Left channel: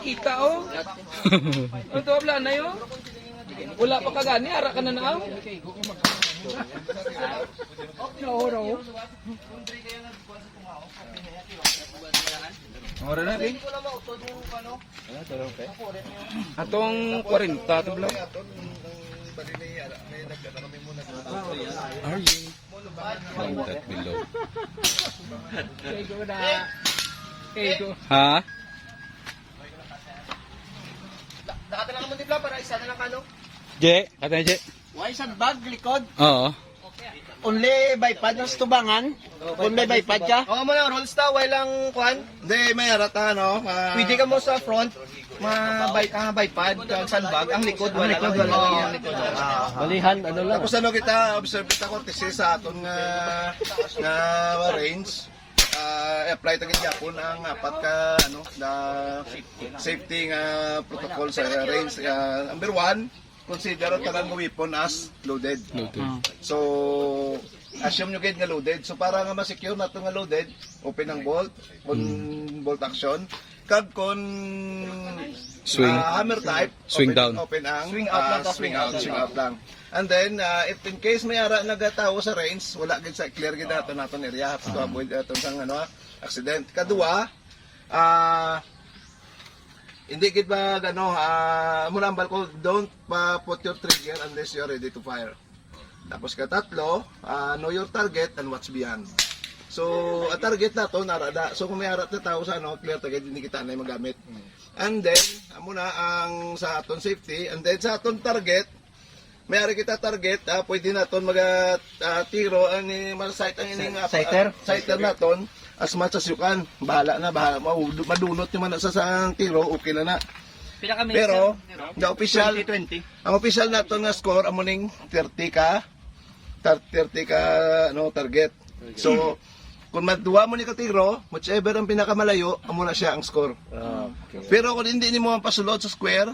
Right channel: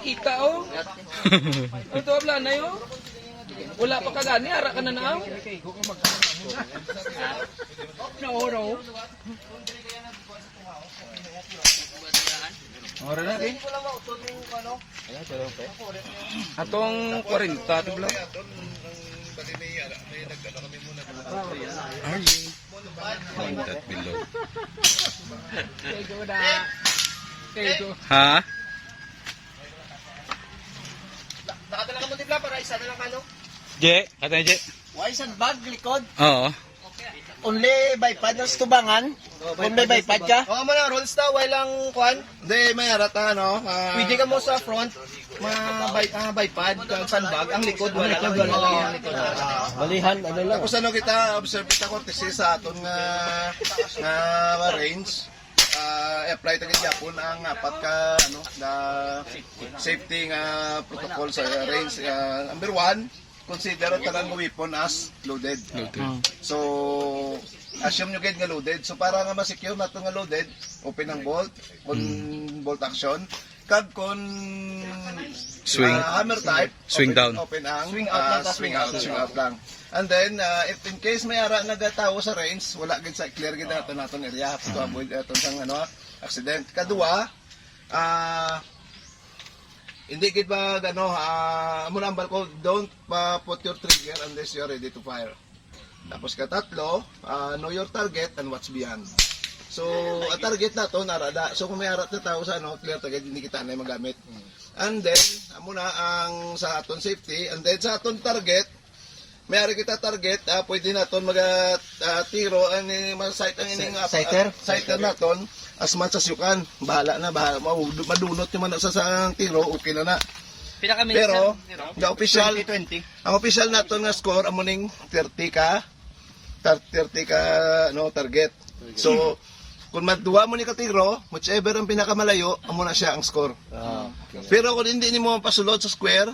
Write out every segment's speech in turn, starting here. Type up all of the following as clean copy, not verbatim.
kita oh. Ito abla na yo. Wala pa kagani, ara ka na naaw. No. Ora na bi. Atong 40 to blo. Arjing. That below. Ha? Nakatala ka mo dibla para isa na lang kano. Je, kata ni Je. Why isang bag likod? Oo. Only bypad ng tubangan. Kung may bypad ka. Oo mo lang rolls ta, walang kwan. Hindi, may arata, no? Pwede ka mo sa front, bypad, sandbag, ang likod wala lang. Balihan, ano lang. Tapos ano kita, observe kita courtesy sa aton nga range. Apply tagin Japon ang apat ka ano na safety nga protocol sa range. Number 1, consider talang weapon as loaded. So assume nyo nga loaded. So para nga ma-secure nato nga loaded, open ang bolt, on bolt action. Kag kon Swing. Hammer type, Swing down. open ang Swing out lang, swing out lang. And then if in case may ara nagatawo sa range, wala gid sa clear gid naton area to avoid aton sang ano accident. Kadua, hindi gid ba ano muna ang balko, don't put your trigger unless you're ready to fire. Tapos katatlo, know your target and what's beyond. So, ang target nato narada. So kung may arat na tao sa ano, clear target, hindi kita na magamit. And then, muna ang sa aton safety, and then sa aton target, may ari kita target, pwede naton tiro ang sight ang ining sighter naton as much as you can. Bahala na, madunot yung man sa tiro, okay na na. Pero, the official, 20. ang official naton nga score amuning 30 ka no target. So, kung maduwa mo ni katiro, whichever ang pinakamalayo, amo na siya ang score. Pero kung hindi mo pasulod sa square,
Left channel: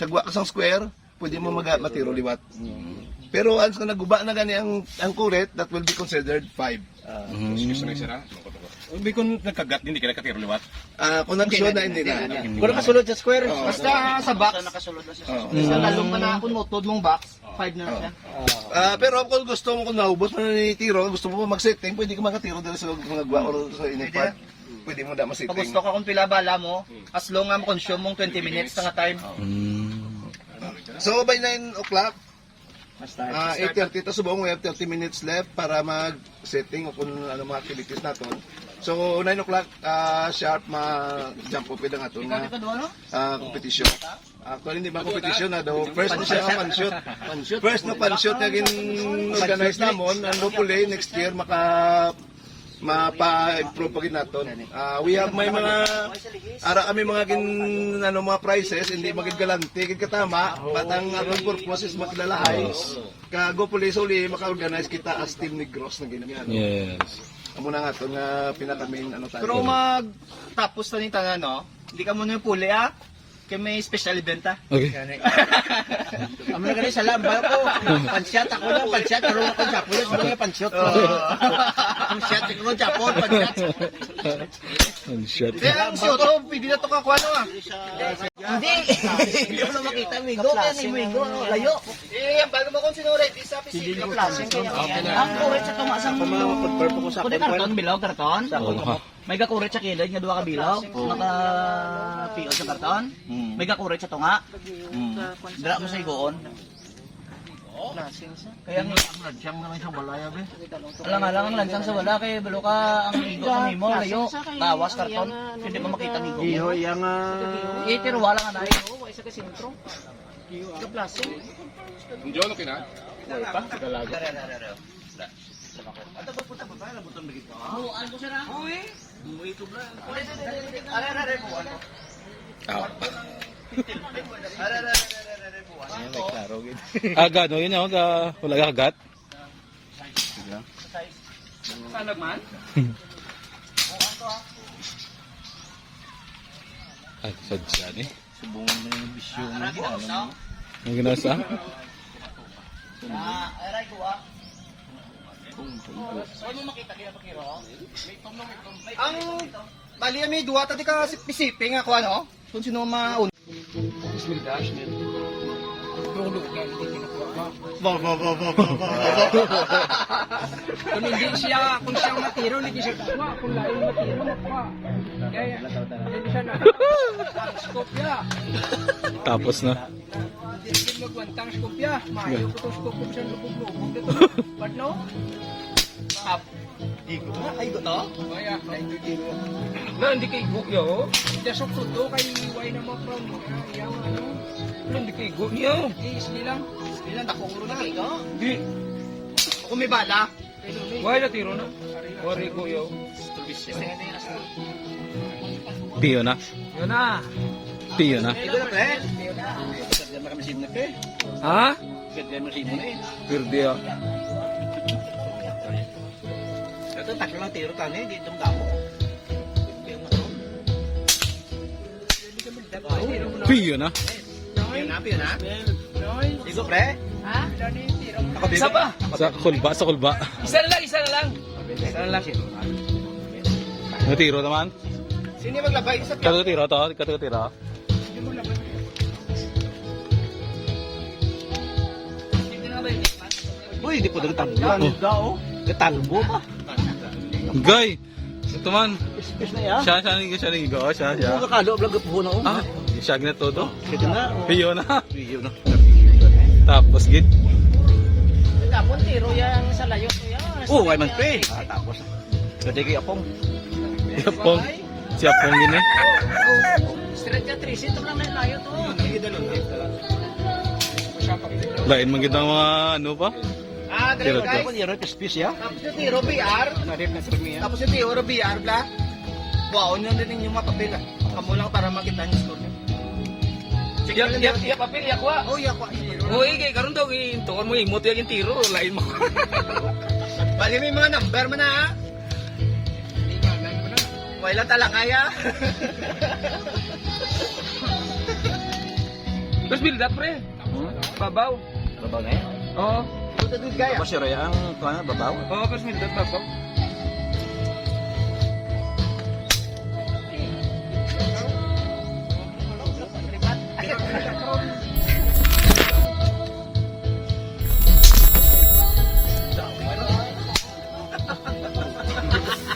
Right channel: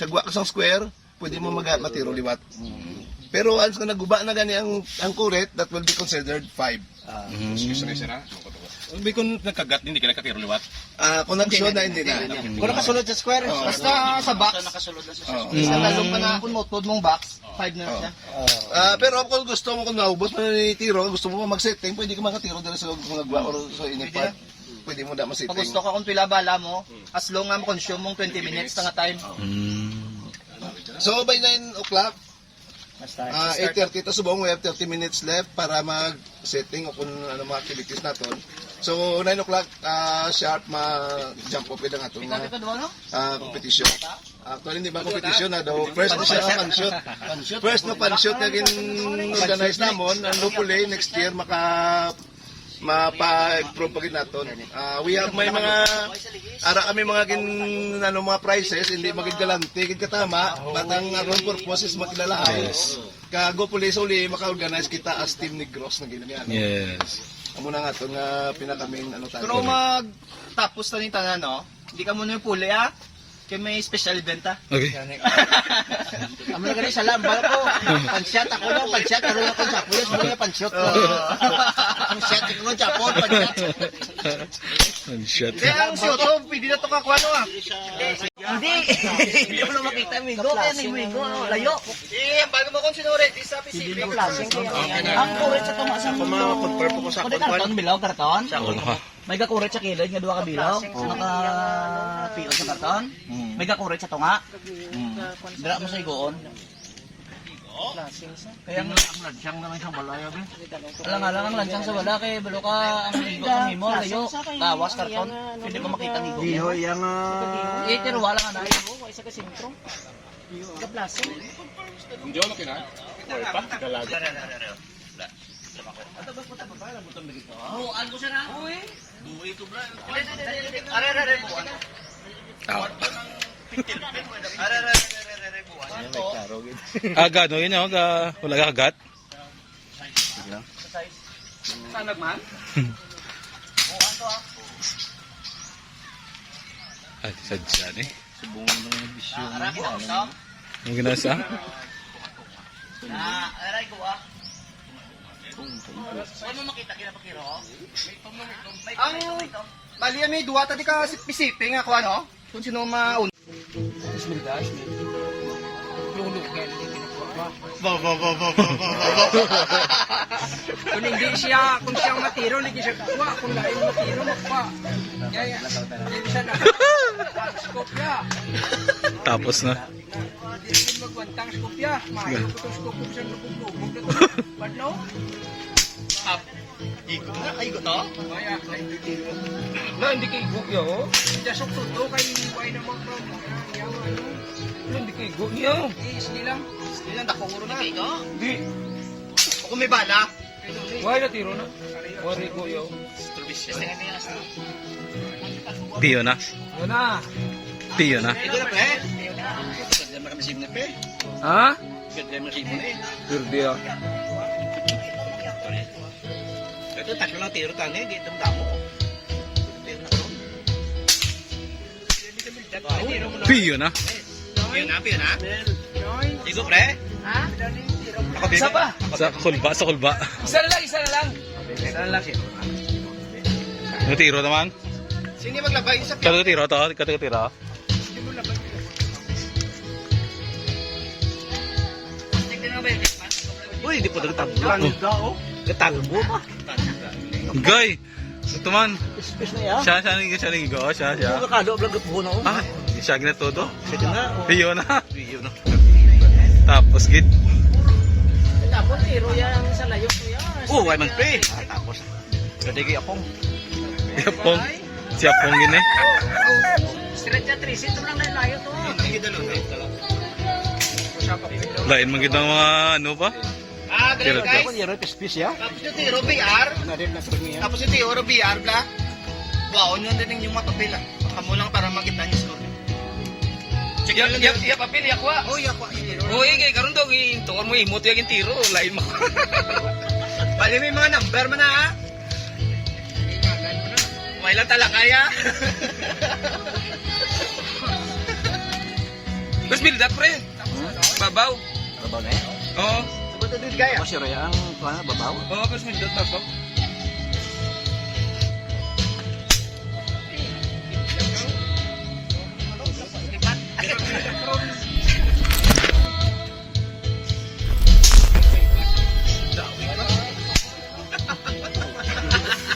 sagwa ka sa square, pwede mo matiro liwat. Pero once na naguba na gani ang kuret, that will be considered 5. Kung nagkagat, hindi ka nakatiro liwat. Kung nag-show na, hindi na. Kung nakasulod sa square, basta sa box. Basta talong ka na kung motod mong box, 5 na siya. Pero kung gusto mo, kung naubos mo na ni tiro, gusto mo mag-setting, pwede ka makatiro dahil sa mga gwa or sa inipad. Pwede mo na Pag ma-setting. gusto ka kung pila bala mo, as long as consume mong 20 minutes na nga time. So by 9 o'clock, Basta 8:30 to subong, we have 30 minutes left para mag-setting o kung ano mga activities natin. So 9 o'clock sharp ma-jump off ang ato na competition. Actually hindi ba competition na daw first na siya pan-shoot. First na pan-shoot na gin-organize namon, ang hopefully next year mapa-improve pagin naton. We have may mga ara kami mga mga prizes, hindi magid galante gid katama, batang aron purpose is makilalahay. Kago police uli maka-organize kita as Team Negros na ganyan. Yes. Amo na nga to nga pinakaming ano tayo. Pero mag-tapos na ni tanan, no? Hindi ka muna yung puli, Kaya may special event, Okay. Amo na ganun sa lambal ko. Pansyat, ako lang, pansyat. Karoon ako sa kuya, sabi nga pansyat. Pansyat, ako lang Japon, pansyat. Unshot. Kaya ang siyoto, pwede na ito kakuha no, Hindi. Hindi mo na makita, Migo. Kaya ni Migo, layo. Ang bago mo kung sinuri, isa pisipin. Ang kurit sa tunga sa confirm ko sa karton, bilaw, karton. May gakurit sa kilid, nga duwa ka bilaw. Naka-PO sa karton. May gakurit sa tunga. Dira mo sa igoon. Kaya ang lansang naman sa balaya, be. Alang-alang ang lansang sa bala, kay balo ka ang igo ng imo, layo. Tawas, karton. Hindi mo makita ang igo mo. Pero wala nga na yun. Isa ka sintro. Kaplasing. Hindi ako na wala pa, dalaga. Buuan ko siya na. Uy. Buuy ito bra. Are buuan. May klaro gid. Gano yun ako, wala ka kagat. Saan nagman? Ay, sadya ni. Subong ng bisyo mo. Ang ginasa? Aray ko Ay mo makita kinapakiro? Ang bali may duwa tadi ka pisiping ako ano? Kung sino maun. Kung hindi siya matiro, hindi siya kuha. Kung lain matiro, makuha. Kaya, hindi siya na. Skopya. Tapos na. Hindi magwantang skopya. Maayo ko itong skopya sa lubog-lubog. Badlaw? Up. Igo na, ay igo to. Kaya, hindi kay Igo yo. Jasok to kay Iway na mga from. Yang ano. Hindi kay Igo niyo. Isli lang. Ilan dako uro na igo? Hindi. Kung may bala. Why na tiro na? Wari Igo yo. Piyo na. Yun na. Piyo na. Igo na pre. Ganda na kami sim na pre. Ha? Ganda na sim na eh. Girdi ah. Ito taklo lang tiro tani, di damo. Tiro na karon. Piyo na. Piyo na, piyo na. Igo pre. Ha? Ako Isa pa. Sa kulba, sa kulba. Isa na lang, isa na lang. Saan lang siya? Natiro naman. Sino maglabay sa Katutiro to, katutiro. Uy, hindi po nagtanggo. Katanggo pa. Gay. Ito man. Space na ya. Siya ligo, siya. Nakalo vlog po na. Ah, siya gina todo. Sige na. Piyo na. Piyo na. Tapos gid. Tapos tiro yang sa layo to ya. Oh, ay man pre. Tapos. Kadagi apong. Yapong. Si Yapong gini. Straight ka 3 to lang na layo to. Hindi dalo na. Lain man gid ang mga ano pa. Ah, Tiro guys. to. Tiro space ya. Tapos yung tiro BR. Tapos yung tiro BR bla. Baon yun din yung mga papel. Kamu lang para makita niyo score. Check lang Iya papel, iya kuha. Oh, iya ko. Uy, kay karon daw intor mo imot yung tiro, lain mo. Bali may mga number man ha. May lang tala kaya. Mas build up pre. Babaw. Babaw na eh. Oo. Punta din kaya. Oh, sir, yan. Kuha babaw. Oo, mas build up babaw.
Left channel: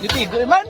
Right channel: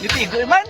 Ditigo man.